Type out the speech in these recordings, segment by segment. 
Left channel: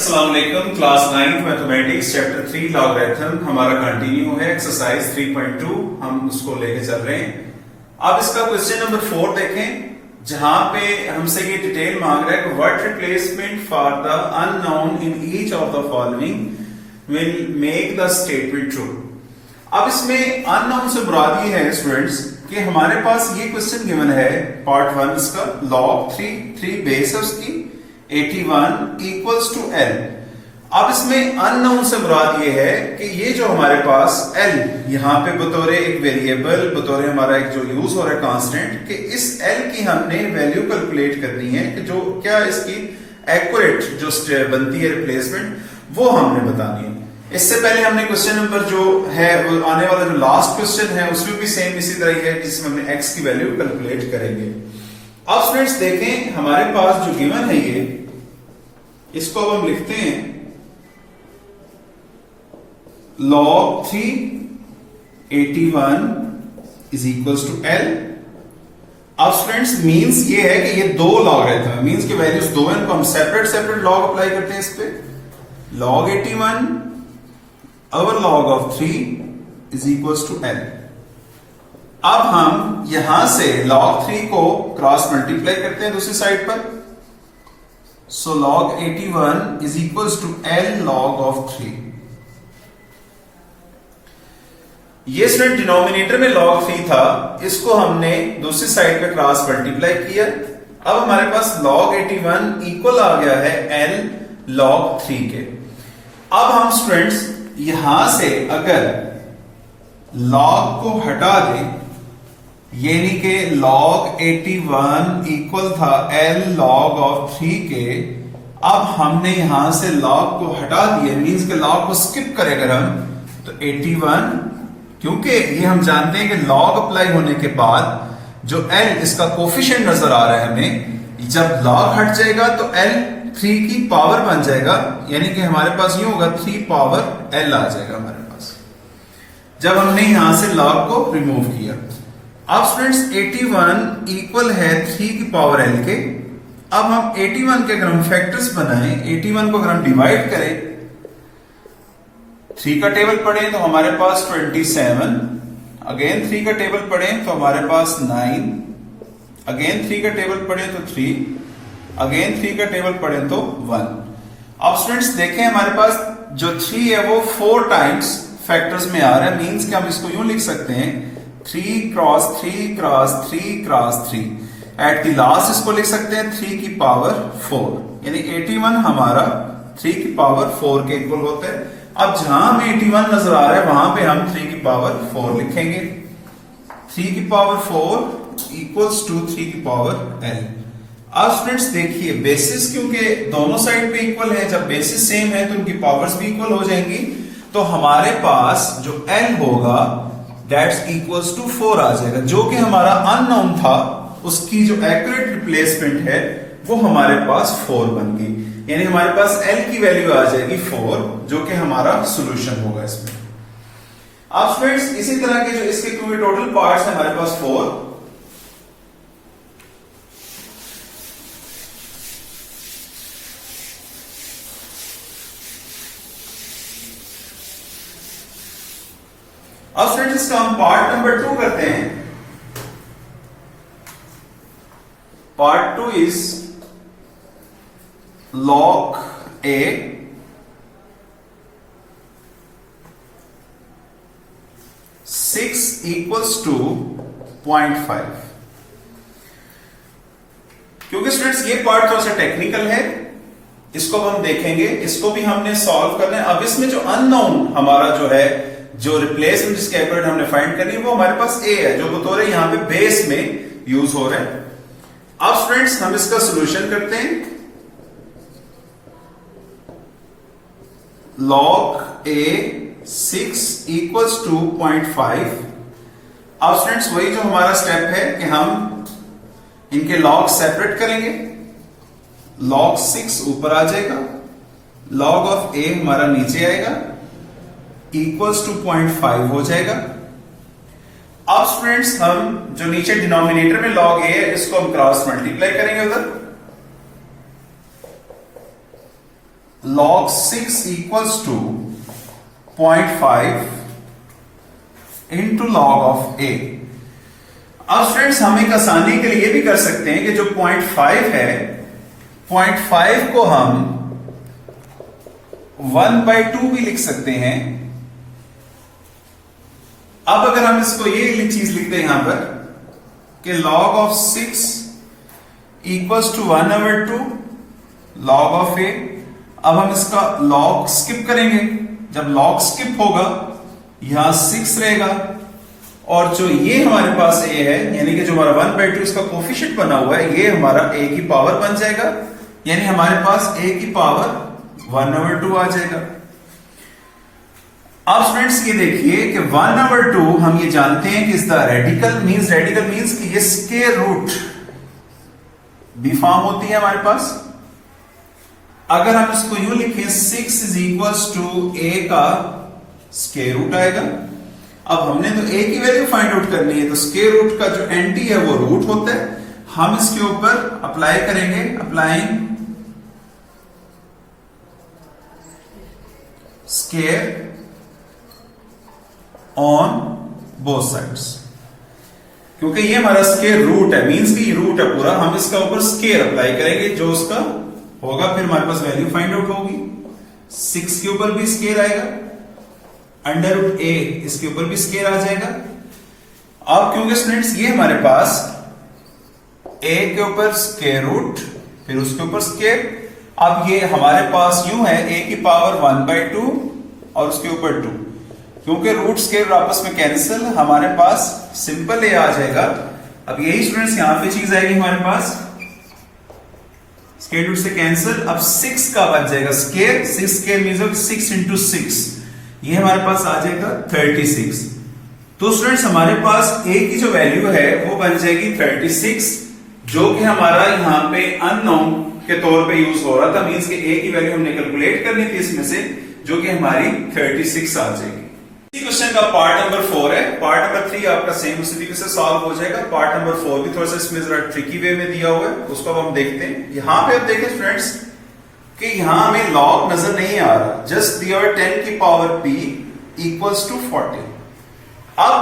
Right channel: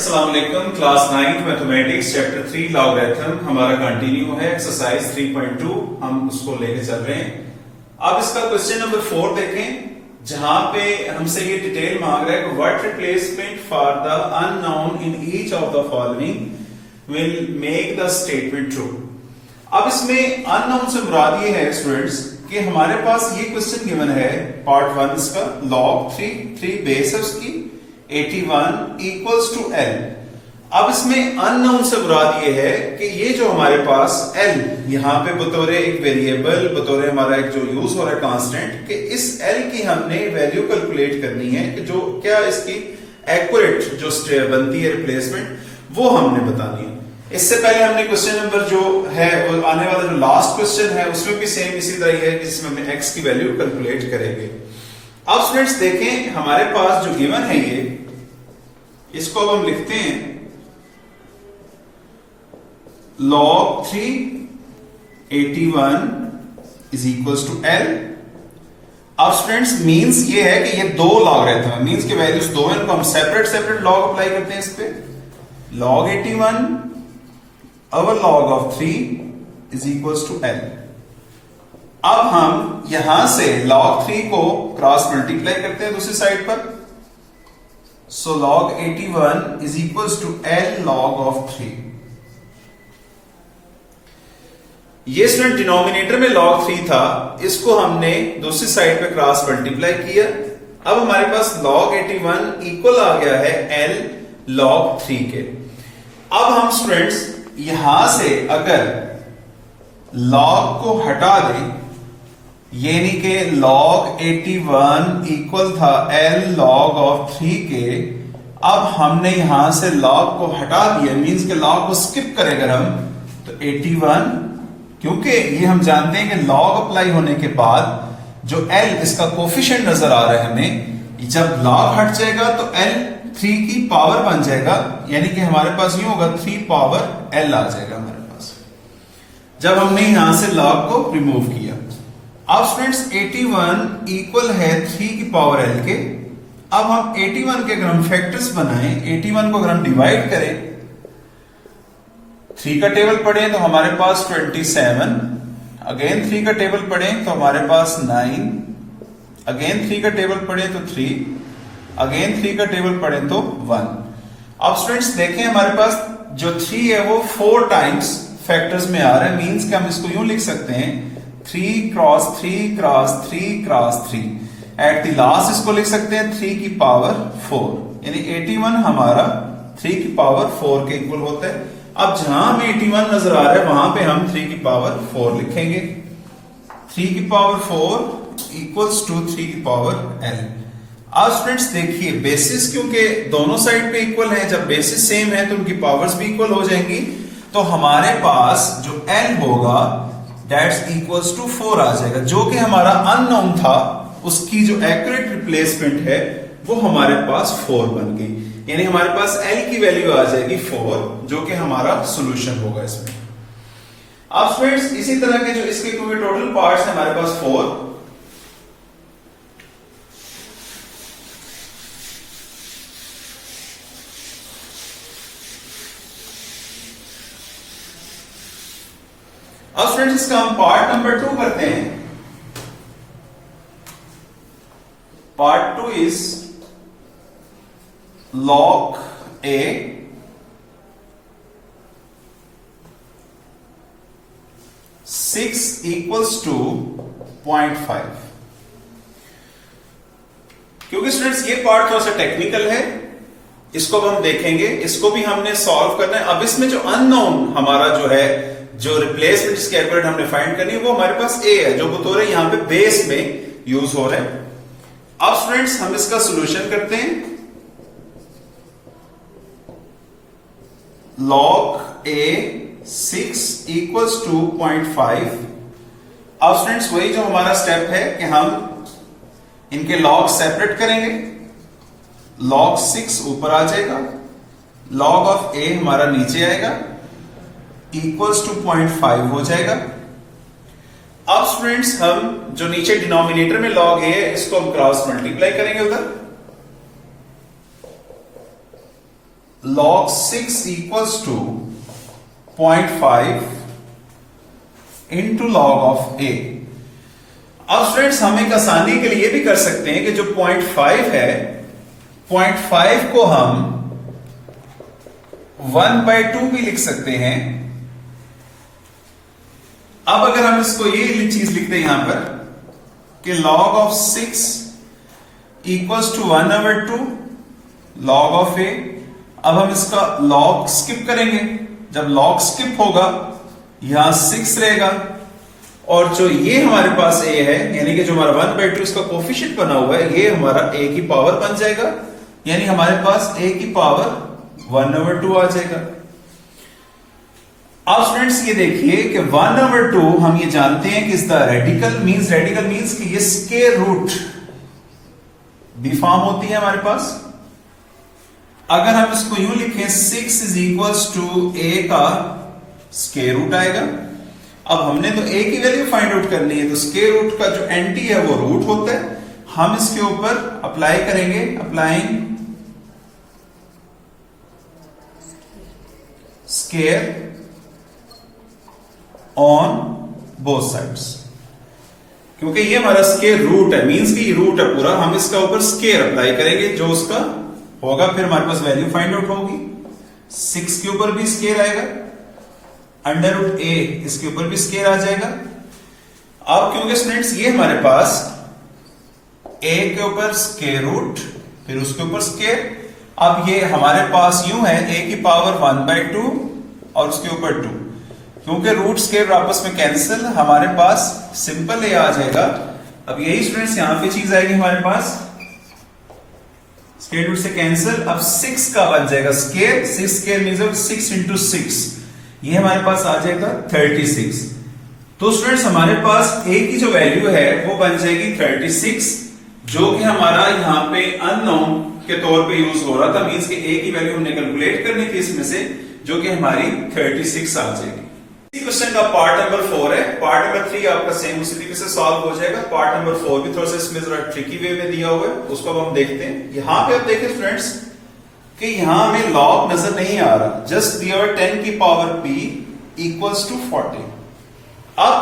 अस्सलाम वालेकुम। Class 9th mathematics chapter 3 logarithm हमारा कंटिन्यू है। एक्सरसाइज 3.2 हम उसको लेके चल रहे हैं। अब इसका क्वेश्चन नंबर 4 देखें, जहां पे हमसे ये डिटेल मांग रहा है कि what replacement for the unknown in each of the following will make the statement true. अब इसमें अननोन से मुराद ये है स्टूडेंट्स कि हमारे पास ये क्वेश्चन गिवन है पार्ट 1 इसका, log 3 बेस है उसकी 81 इक्वल्स टू L। अब इसमें अननोन से मुराद ये है कि ये जो हमारे पास L यहां पे बतौर एक वेरिएबल, बतौर हमारा एक जो यूज हो रहा है कांस्टेंट, कि इस L की हमने वैल्यू कैलकुलेट करनी है कि जो क्या इसकी एक्यूरेट जो बनती है रिप्लेसमेंट वो हमने बतानी है। इससे पहले हमने क्वेश्चन नंबर जो है वो आने वाला जो लास्ट क्वेश्चन है उसमें भी सेम इसी तरह है जिसमें हमने x की वैल्यू कैलकुलेट करेंगे। अब स्टूडेंट्स देखें हमारे पास जो गिवन है ये, इसको अब हम लिखते हैं log 3 81 is equals to L। अब स्टूडेंट्स मींस ये है कि ये दो लॉग रहते हैं, मींस की वैल्यूज दो हैं, इनको हम सेपरेट लॉग अप्लाई करते हैं इस पे। log 81 our log of 3 is equals to L। अब हम यहां से log 3 को क्रॉस मल्टीप्लाई करते हैं दूसरी साइड पर, so log 81 is equals to L log of 3। ये स्टूडेंट डिनोमिनेटर में log 3 था, इसको हमने दूसरी साइड पे क्रॉस मल्टीप्लाई किया। अब हमारे पास log 81 इक्वल आ गया है L log 3 के। अब हम स्टूडेंट्स यहां से अगर log को हटा दें, यानी कि log 81 इक्वल था L log of 3 के, अब हमने यहां से log को हटा दिया, मींस के log को स्किप करें अगर हम, तो 81, क्योंकि ये हम जानते हैं कि log अप्लाई होने के बाद जो L इसका कोफिशिएंट नजर आ रहा है हमें, जब log हट जाएगा तो L 3 की पावर बन जाएगा, यानी कि हमारे पास यूं होगा 3 पावर L आ जाएगा हमारे पास, जब हमने यहां से log को रिमूव किया। अब स्टूडेंट्स 81 इक्वल है 3 की पावर L के। अब हम 81 के अगर हम फैक्टर्स बनाएं, 81 को अगर हम डिवाइड करें, 3 का टेबल पढ़ें तो हमारे पास 27, अगेन 3 का टेबल पढ़ें तो हमारे पास 9, अगेन 3 का टेबल पढ़ें तो 3, अगेन 3 का टेबल पढ़ें तो 1। अब स्टूडेंट्स देखें हमारे पास जो 3 है वो 4 टाइम्स फैक्टर्स में आ रहा है, मींस कि हम इसको यूं लिख सकते हैं 3 cross 3 cross 3 cross 3। At the last इसको लिख सकते हैं 3 की पावर 4, यानी 81 हमारा 3 की पावर 4 के इक्वल होता है। अब जहां हमें 81 नजर आ रहा है वहां पे हम 3 की पावर 4 लिखेंगे। 3 की पावर 4 इक्वल्स टू 3 की पावर L। अब स्टूडेंट्स देखिए बेसिस क्योंकि दोनों साइड पे इक्वल है, जब बेसिस सेम है तो उनकी पावर्स भी इक्वल हो जाएंगी, तो हमारे पास जो L होगा दैट्स इक्वल्स टू 4 आ जाएगा, जो कि हमारा अननोन था, उसकी जो एक्यूरेट रिप्लेसमेंट है वो हमारे पास 4 बन गई, यानी हमारे पास L की वैल्यू आ जाएगी 4, जो कि हमारा सोल्यूशन होगा इसमें। अब स्टूडेंट्स इसी तरह के जो इसके टोटल पार्ट्स है हमारे पास 4। अब फ्रेंड्स इसका हम पार्ट नंबर 2 करते हैं। Part 2 is log A 6 equals to 0.5। क्योंकि स्टूडेंट्स ये पार्ट थोड़ा सा टेक्निकल है, इसको हम देखेंगे, इसको भी हमने सॉल्व करना है। अब इसमें जो अननोन हमारा जो है, जो रिप्लेसमेंट इसके एक्यूरेट हमने फाइंड करनी है, वो हमारे पास A है, जो बतौर यहां पे बेस में यूज हो रहा है। अब स्टूडेंट्स हम इसका सॉल्यूशन करते हैं। log A 6 equals to 0.5। अब स्टूडेंट्स वही जो हमारा स्टेप है कि हम इनके log सेपरेट करेंगे, log 6 ऊपर आ जाएगा, log ऑफ A हमारा नीचे आएगा, इक्वल्स टू 0.5 हो जाएगा। अब स्टूडेंट्स हम जो नीचे डिनोमिनेटर में log A है इसको हम क्रॉस मल्टीप्लाई करेंगे उधर, log 6 equals to 0.5 into log of a। अब स्टूडेंट्स हम एक आसानी के लिए भी कर सकते हैं कि जो 0.5 है, 0.5 को हम 1/2 भी लिख सकते हैं। अब अगर हम इसको ये चीज लिखते हैं यहां पर कि log of 6 equals to 1/2 log of a। अब हम इसका log स्किप करेंगे। जब log स्किप होगा यहां 6 रहेगा और जो ये हमारे पास a है, यानी कि जो हमारा 1/2 इसका कोफिशिएंट बना हुआ है, ये हमारा a की पावर बन जाएगा, यानी हमारे पास a की पावर 1/2 आ जाएगा। अब स्टूडेंट्स ये देखिए कि 1/2 हम ये जानते हैं कि इसका रेडिकल मीन्स कि ये स्क्वायर रूट बी फॉर्म होती है हमारे पास। अगर हम इसको यूं लिखें 6 इज इक्वल्स टू a का स्क्वायर रूट आएगा। अब हमने तो a की वैल्यू फाइंड आउट करनी है, तो स्क्वायर रूट का जो एंटी है वो रूट होता है। हम इसके ऊपर अप्लाई करेंगे, applying square on both sides, क्योंकि ये हमारा स्क्वायर रूट है, मींस कि रूट है पूरा। हम इसका ऊपर स्क्वायर अप्लाई करेंगे, जो उसका होगा फिर हमारे पास वैल्यू फाइंड आउट होगी। 6 के ऊपर भी स्क्वायर आएगा, अंडर रूट a इसके ऊपर भी स्क्वायर आ जाएगा। अब क्योंकि स्टूडेंट्स ये हमारे पास a के ऊपर स्क्वायर रूट फिर उसके ऊपर स्क्वायर, अब ये हमारे पास यूं है a की पावर 1/2 और उसके ऊपर 2, क्योंकि रूट स्क्वायर आपस में कैंसिल, हमारे पास सिंपल a आ जाएगा। अब यही स्टूडेंट्स यहां पे चीज आएगी हमारे पास, स्क्वायर रूट से कैंसिल। अब 6 का बन जाएगा स्क्वायर, 6 स्क्वायर मींस 6 इंटू 6, ये हमारे पास आ जाएगा 36। तो स्टूडेंट्स हमारे पास a की जो वैल्यू है वो बन जाएगी 36, जो कि हमारा यहाँ पे अननोन के तौर पे यूज हो रहा था, मींस कि a की वैल्यू हमने कैलकुलेट करनी थी इसमें से, जो कि हमारी 36 आ जाएगी। इसी क्वेश्चन का पार्ट नंबर 4 है। पार्ट नंबर 3 आपका सेम उसी तरीके से सॉल्व हो जाएगा। पार्ट नंबर 4 भी थोड़ा सा इसमें जरा ट्रिकी वे में दिया हुआ है, उसको अब हम देखते हैं। यहां पे अब देखें स्टूडेंट्स कि यहां हमें लॉग नजर नहीं आ रहा, जस्ट दिया 10 की पावर p इक्वल्स टू 40। अब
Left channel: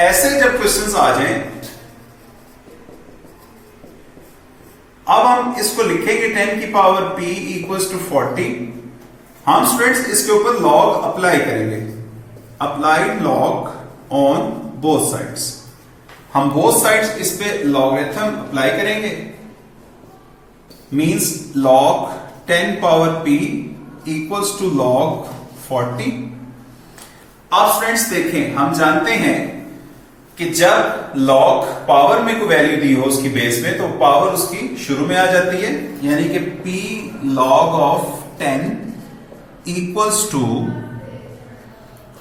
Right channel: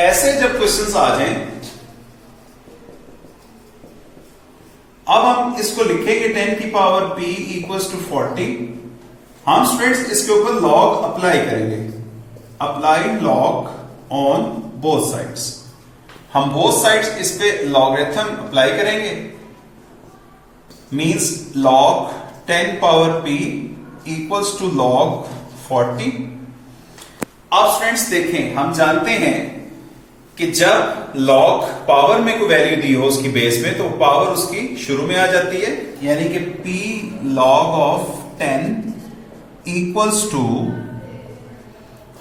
ऐसे जब क्वेश्चंस आ जाएं, अब हम इसको लिखेंगे 10 की पावर p इक्वल्स टू 40। हम स्टूडेंट्स इसके ऊपर लॉग अप्लाई करेंगे, apply log on both sides. हम बोथ साइड्स इस पे लॉगरिथम अप्लाई करेंगे, means log 10 power p equals to log 40। अब स्टूडेंट्स देखें, हम जानते हैं कि जब लॉग पावर में कोई वैल्यू दी हो उसकी बेस में, तो पावर उसकी शुरू में आ जाती है, यानी कि p log of 10 equals to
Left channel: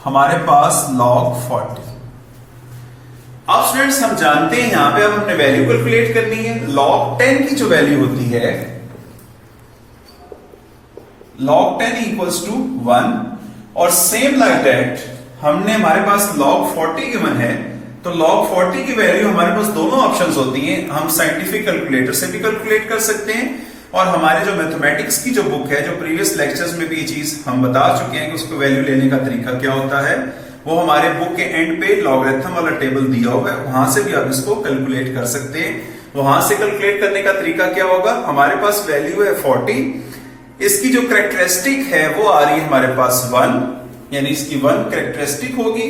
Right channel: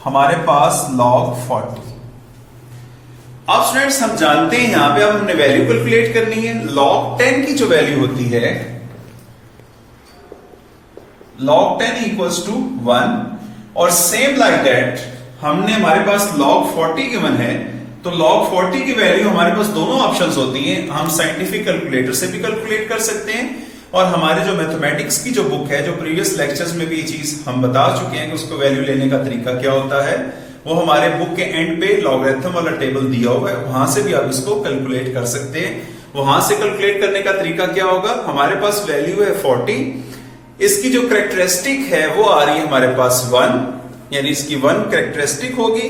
हमारे पास log 40। अब स्टूडेंट्स हम जानते हैं यहां पे अब हमने वैल्यू कैलकुलेट करनी है। log 10 की जो वैल्यू होती है log 10 इक्वल्स टू 1, और सेम लाइक दैट हमने हमारे पास log 40 गिवन है, तो log 40 की वैल्यू हमारे पास दोनों ऑप्शंस होती हैं। हम साइंटिफिक कैलकुलेटर से भी कैलकुलेट कर सकते हैं, और हमारे जो मैथमेटिक्स की जो बुक है, जो प्रीवियस लेक्चर्स में भी ये चीज हम बता चुके हैं कि उसको वैल्यू लेने का तरीका क्या होता है, वो हमारे बुक के एंड पे लॉगरिथम वाला टेबल दिया हुआ है, वहां से भी आप इसको कैलकुलेट कर सकते हैं। वहां से कैलकुलेट करने का तरीका क्या होगा, हमारे पास वैल्यू है 40, इसकी जो कैरेक्टरिस्टिक है वो आ रही है हमारे पास 1, यानी इसकी 1 कैरेक्टरिस्टिक होगी,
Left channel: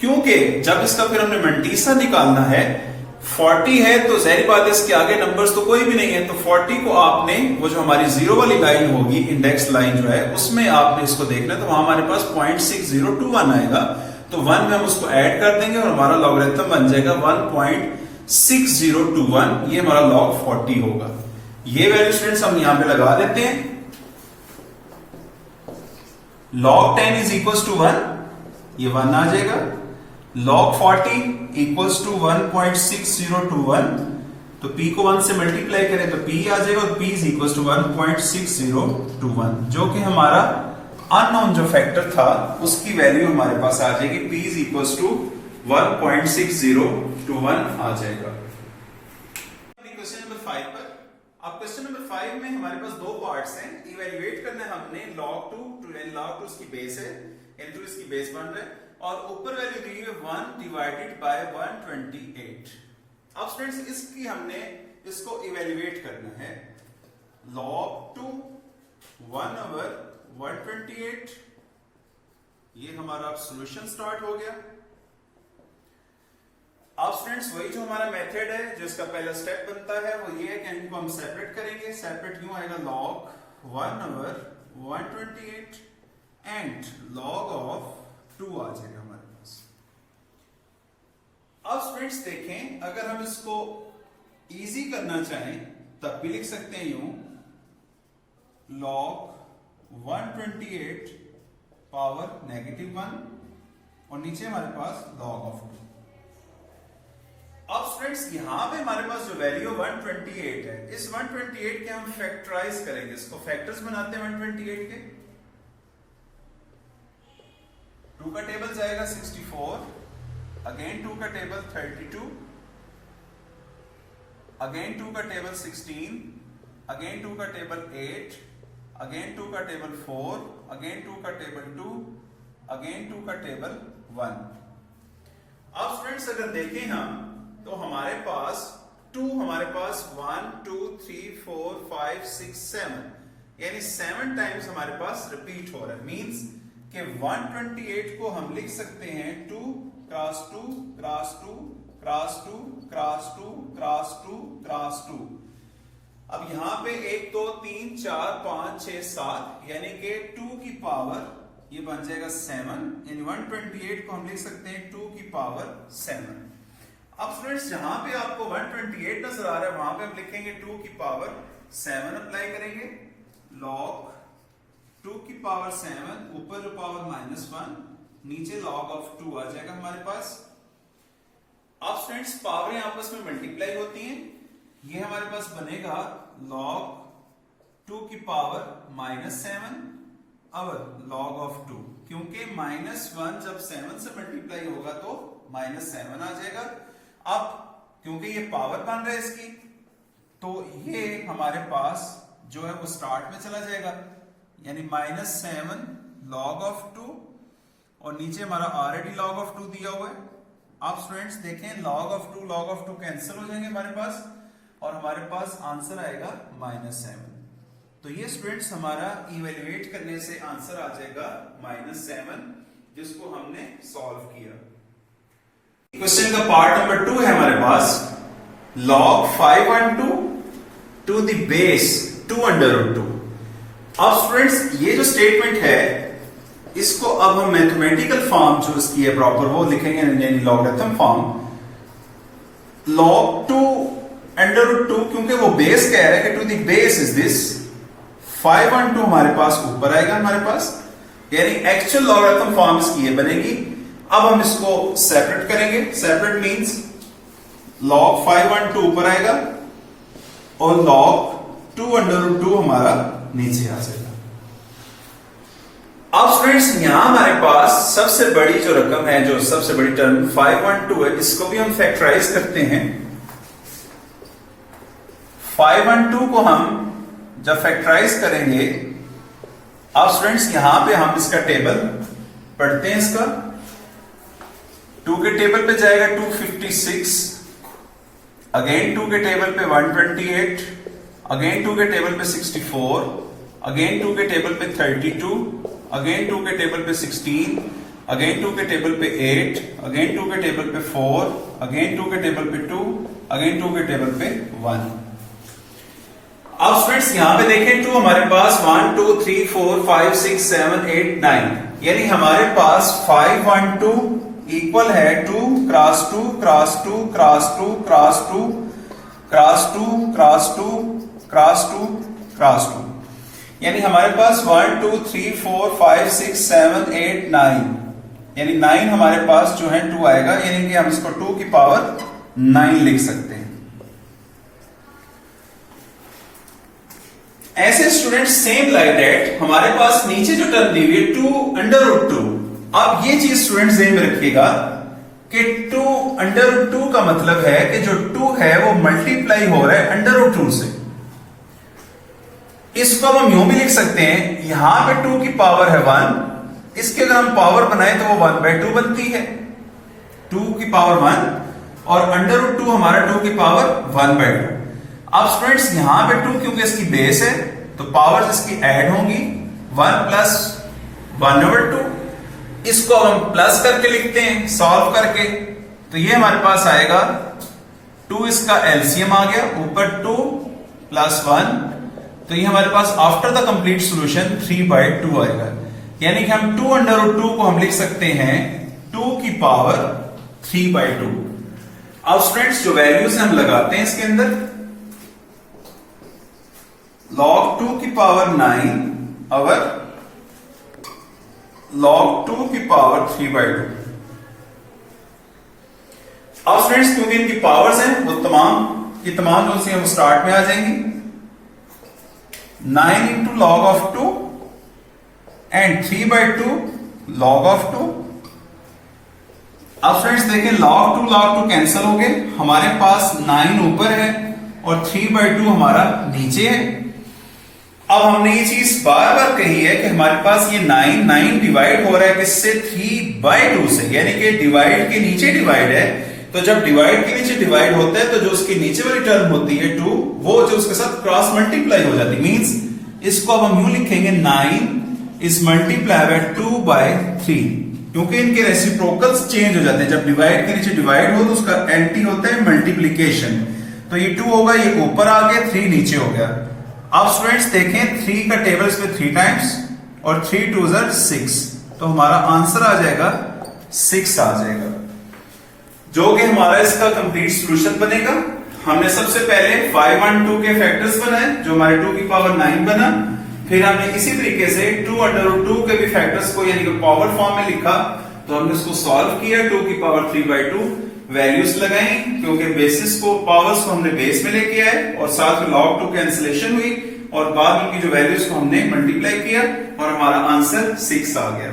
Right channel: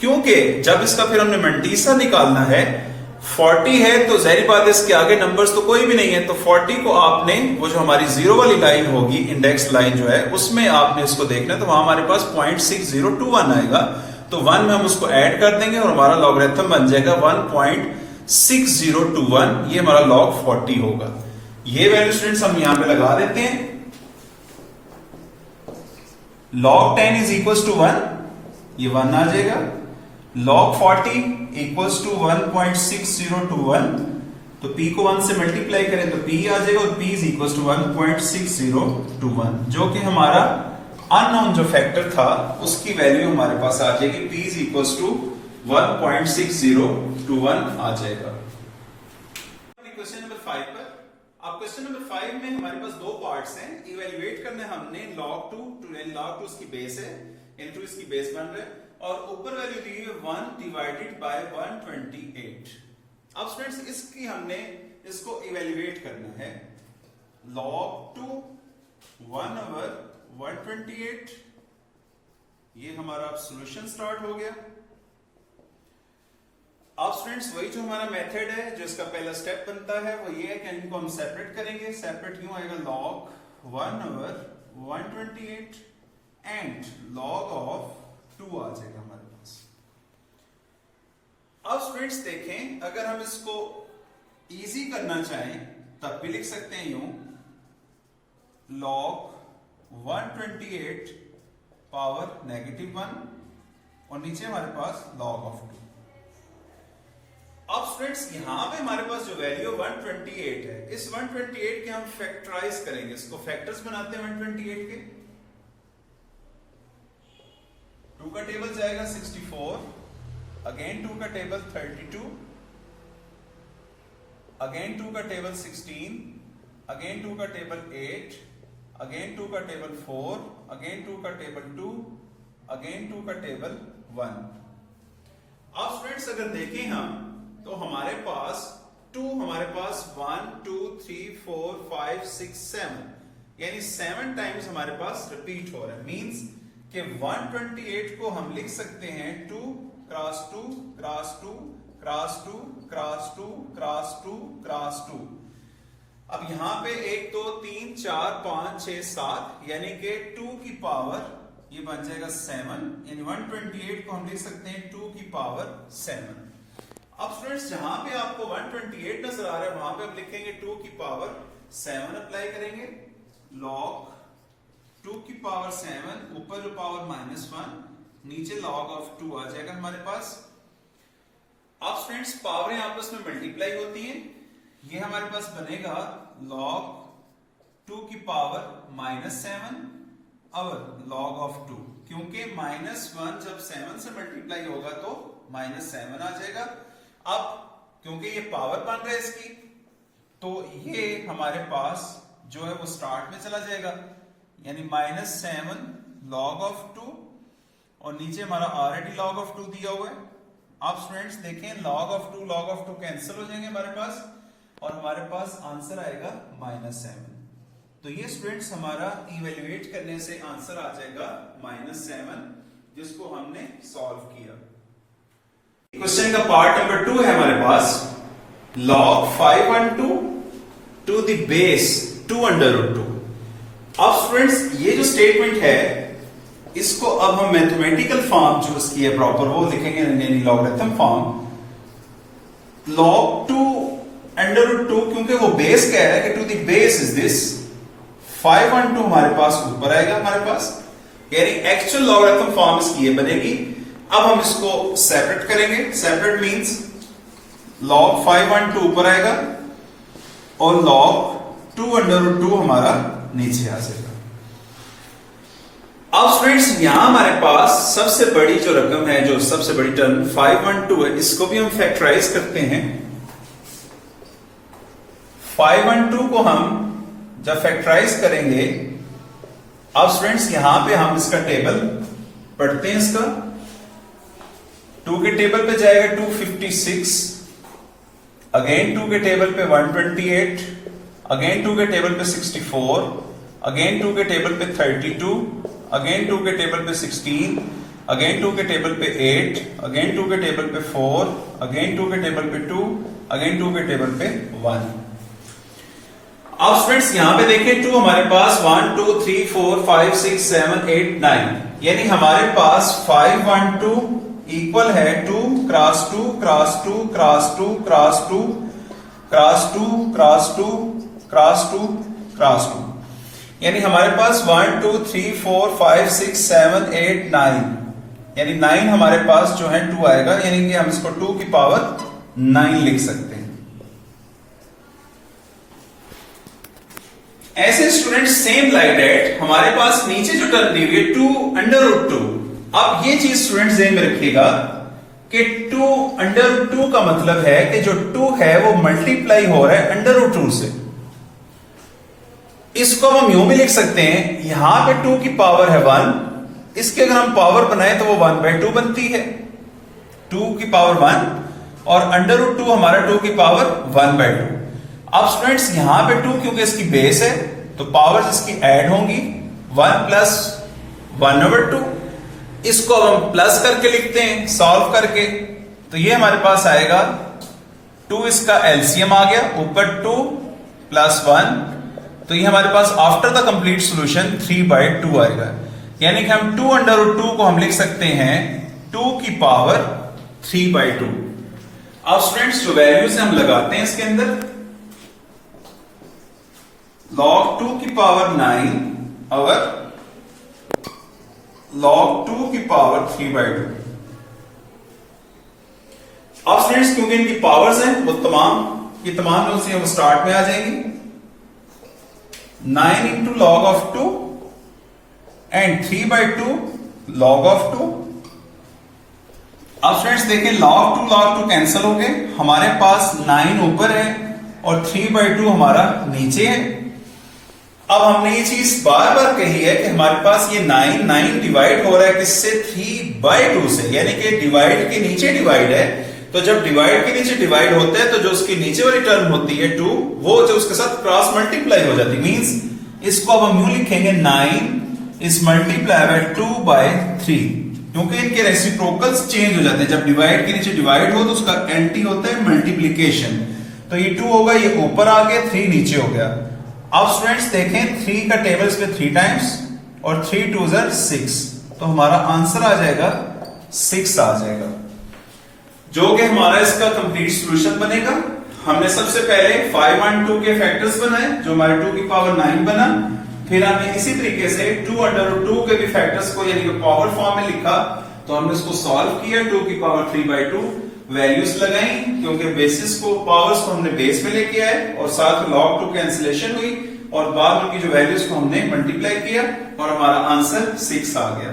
क्योंकि जब इसका फिर हमने मंटीसा निकालना है, 40 है तो जाहिर बात है इसके आगे नंबर्स तो कोई भी नहीं है, तो 40 को आपने वो जो हमारी जीरो वाली लाइन होगी, इंडेक्स लाइन जो है, उसमें आपने इसको देखना है, तो वहां हमारे पास 0.6021 आएगा, तो 1 में हम उसको ऐड कर देंगे और हमारा लॉगरिथम बन जाएगा 1.6021, ये हमारा log 40 होगा। ये वैल्यू स्टूडेंट्स हम यहां पे लगा देते हैं। log 10 इज इक्वल्स टू 1, ये 1 आ जाएगा। log 40 इक्वल्स टू 1.6021, तो p को 1 से मल्टीप्लाई करें तो p आ जाएगा, और p इज इक्वल्स टू 1.6021, जो कि हमारा अननोन जो फैक्टर था उसकी वैल्यू हमारे पास आ जाएगी, p इज इक्वल्स टू 1.6021 आ जाएगा। क्वेश्चन नंबर 5 पर, अब क्वेश्चन नंबर 5 में हमारे पास दो पार्ट्स हैं, ए इवेल्युएट करना है हमने log 2 log 2 इसकी बेस है, into इसकी बेस बन रहा है और ऊपर वैल्यू दी है 1 डिवाइडेड बाय 128। अब स्टूडेंट्स इसकी हमने इसको इवेल्युएट करना है। log 2 1/128, ये हमारा सॉल्यूशन स्टार्ट हो गया। अब स्टूडेंट्स वही जो हमारा मेथड है, जो इसका पहला स्टेप बनता है वो ये है कि इनको हम सेपरेट करेंगे। सेपरेट क्यों आएगा, log 1/128 एंड log ऑफ 2 आ जाएगा हमारे पास। अब स्टूडेंट्स देखें, अगर हम इसको इजी करना चाहें तब भी लिख सकते हैं यूं, log 128 पावर -1 और नीचे हमारे पास log ऑफ 2। अब स्टूडेंट्स यहां पे हमारे पास जो वैल्यू 128 है, इस 128 के हम फैक्टराइज करेंगे, इसको फैक्टर्स बनाते हैं 128 के। 2 का टेबल जाएगा 64, अगेन 2 का टेबल 32, अगेन 2 का टेबल 16, अगेन 2 का टेबल 8, अगेन 2 का टेबल 4, अगेन 2 का टेबल 2, अगेन 2 का टेबल 1। अब स्टूडेंट्स अगर देखें हम तो हमारे पास 2 हमारे पास 1 2 3 4 5 6 7 यानी 7 टाइम्स हमारे पास रिपीट हो रहा है। मींस कि 128 को हम लिख सकते हैं 2 cross 2 cross 2 cross 2 cross 2 cross 2 cross 2। अब यहां पे 1 2 3 4 5 6 7 यानी कि 2 की पावर ये बन जाएगा 7, यानी 128 को हम लिख सकते हैं 2 की पावर 7। अब स्टूडेंट्स जहां पे आपको 128 नजर आ रहा है वहां पे हम लिखेंगे 2 की पावर 7 अप्लाई करेंगे। log 2 की पावर 7, ऊपर जो पावर -1, नीचे log ऑफ 2 आ जाएगा हमारे पास। अब स्टूडेंट्स पावरें आपस में मल्टीप्लाई होती हैं, ये हमारे पास बनेगा log 2 की पावर -7 और log ऑफ 2, क्योंकि -1 जब 7 से मल्टीप्लाई होगा तो -7 आ जाएगा। अब क्योंकि ये पावर बन रहा है इसकी, तो ये हमारे पास जो है वो स्टार्ट में चला जाएगा, यानी -7 log ऑफ 2 और नीचे हमारा ऑलरेडी log ऑफ 2 दिया हुआ है। आप स्टूडेंट्स देखें log ऑफ 2 कैंसिल हो जाएंगे हमारे पास और हमारे पास आंसर आएगा -7। तो ये स्टूडेंट्स हमारा इवेल्युएट करने से आंसर आ जाएगा -7, जिसको हमने सॉल्व किया। क्वेश्चन का पार्ट नंबर 2 है हमारे पास, log 512 टू द बेस 2√2। अब स्टूडेंट्स ये जो स्टेटमेंट है इसको अब हम मैथमेटिकल फॉर्म जो इसकी है प्रॉपर वो लिखेंगे, यानी लॉगरिथम फॉर्म। log 2√2 क्योंकि वो बेस कह रहा है कि to the base is this 512 हमारे पास ऊपर आएगा हमारे पास, यानी एक्चुअल लॉगरिथम फॉर्म इसकी ये बनेगी। अब हम इसको सेपरेट करेंगे। सेपरेट मींस log 512 ऊपर आएगा और log 2√2 हमारा नीचे आ जाएगा। अब स्टूडेंट्स यहां हमारे पास सबसे बड़ी जो रकम है, जो सबसे बड़ी टर्म 512 है, इसको भी हम फैक्टराइज करते हैं। 512 को हम जब फैक्टराइज करेंगे, अब स्टूडेंट्स यहां पे हम इसका टेबल पढ़ते हैं। इसका 2 के टेबल पे जाएगा 256, अगेन 2 के टेबल पे 128, अगेन 2 के टेबल पे 64, अगेन 2 के टेबल पे 32, अगेन 2 के टेबल पे 16, अगेन 2 के टेबल पे 8, अगेन 2 के टेबल पे 4, अगेन 2 के टेबल पे 2, अगेन 2 के टेबल पे 1। अब स्टूडेंट्स यहां पे देखें 2 हमारे पास 1 2 3 4 5 6 7 8 9, यानी हमारे पास 512 इक्वल है 2 cross 2 cross 2 cross 2 cross 2 cross 2 cross 2 cross 2 cross 2, यानी हमारे पास 1 2 3 4 5 6 7 8 9, यानी 9 हमारे पास जो है 2 आएगा, यानी कि हम इसको 2 की पावर 9 लिख सकते हैं। ऐसे स्टूडेंट सेम लाइक दैट हमारे पास नीचे जो टर्म दी हुई है 2√2। अब ये चीज स्टूडेंट ध्यान में रखिएगा कि 2√2 का मतलब है कि जो 2 है वो मल्टीप्लाई हो रहा है √2 से। इसको हम यूं भी लिख सकते हैं, यहां पे 2 की पावर है 1, इसके अगर हम पावर बनाए तो वो 1/2 बनती है, 2 की पावर 1 और √2 हमारा 2 की पावर 1/2। अब स्टूडेंट्स यहां पे 2 क्योंकि इसकी बेस है तो पावर इसकी ऐड होंगी 1 प्लस 1/2। इसको हम प्लस करके लिखते हैं सॉल्व करके, तो ये हमारे पास आएगा 2 इसका एलसीएम आ गया, ऊपर 2 प्लस 1, तो ये हमारे पास आफ्टर द कंप्लीट सॉल्यूशन 3/2 आएगा। यानी कि हम 2/2 को हम लिख सकते हैं 2 की पावर 3/2। अब स्टूडेंट्स जो वैल्यूज हम लगाते हैं इसके अंदर, log 2 की पावर 9 और log 2 की पावर 3/2। अब स्टूडेंट्स क्योंकि इनकी पावर्स हैं वो तमाम जो हम स्टार्ट में आ जाएंगी, 9 into log of 2 and 3/2 log of 2। अब फ्रेंड्स देखें log 2 कैंसिल हो गए, हमारे पास 9 ऊपर है और 3/2 हमारा नीचे है। अब हमने ये चीज बार बार कही है कि हमारे पास ये 9 डिवाइड हो रहा है किससे, 3/2 से, यानी कि डिवाइड के नीचे डिवाइड है, तो जब डिवाइड के नीचे डिवाइड होता है तो जो उसके नीचे वाली टर्म होती है 2, वो जो उसके साथ क्रॉस मल्टीप्लाई हो जाती है। मींस इसको अब हम यूं लिखेंगे 9 इज मल्टीप्लाई बाय 2/3, क्योंकि इनके रेसिप्रोकल्स चेंज हो जाते हैं। जब डिवाइड के नीचे डिवाइड हो तो उसका एंटी होता है मल्टीप्लीकेशन, तो ये 2 होगा, ये ऊपर आ गया, 3 नीचे हो गया। अब स्टूडेंट्स देखें 3 का टेबल इसमें 3 टाइम्स और 3 2 6, तो हमारा आंसर आ जाएगा 6 आ जाएगा, जो कि हमारा इसका कंप्लीट सॉल्यूशन बनेगा। हमने सबसे पहले 5 1 2 के फैक्टर्स बनाए, जो हमारे 2 की पावर 9 बना। फिर हमने इसी तरीके से 2/2 के भी फैक्टर्स को यानी कि पावर फॉर्म में लिखा, तो हमने इसको सॉल्व किया, 2 की पावर 3/2 वैल्यूज लगाई, क्योंकि बेसिस को पावर्स को हमने बेस में लेके आए और साथ में log 2 कैंसिलेशन हुई और बाद में उनकी जो वैल्यूज को हमने मल्टीप्लाई किया और हमारा आंसर 6 आ गया।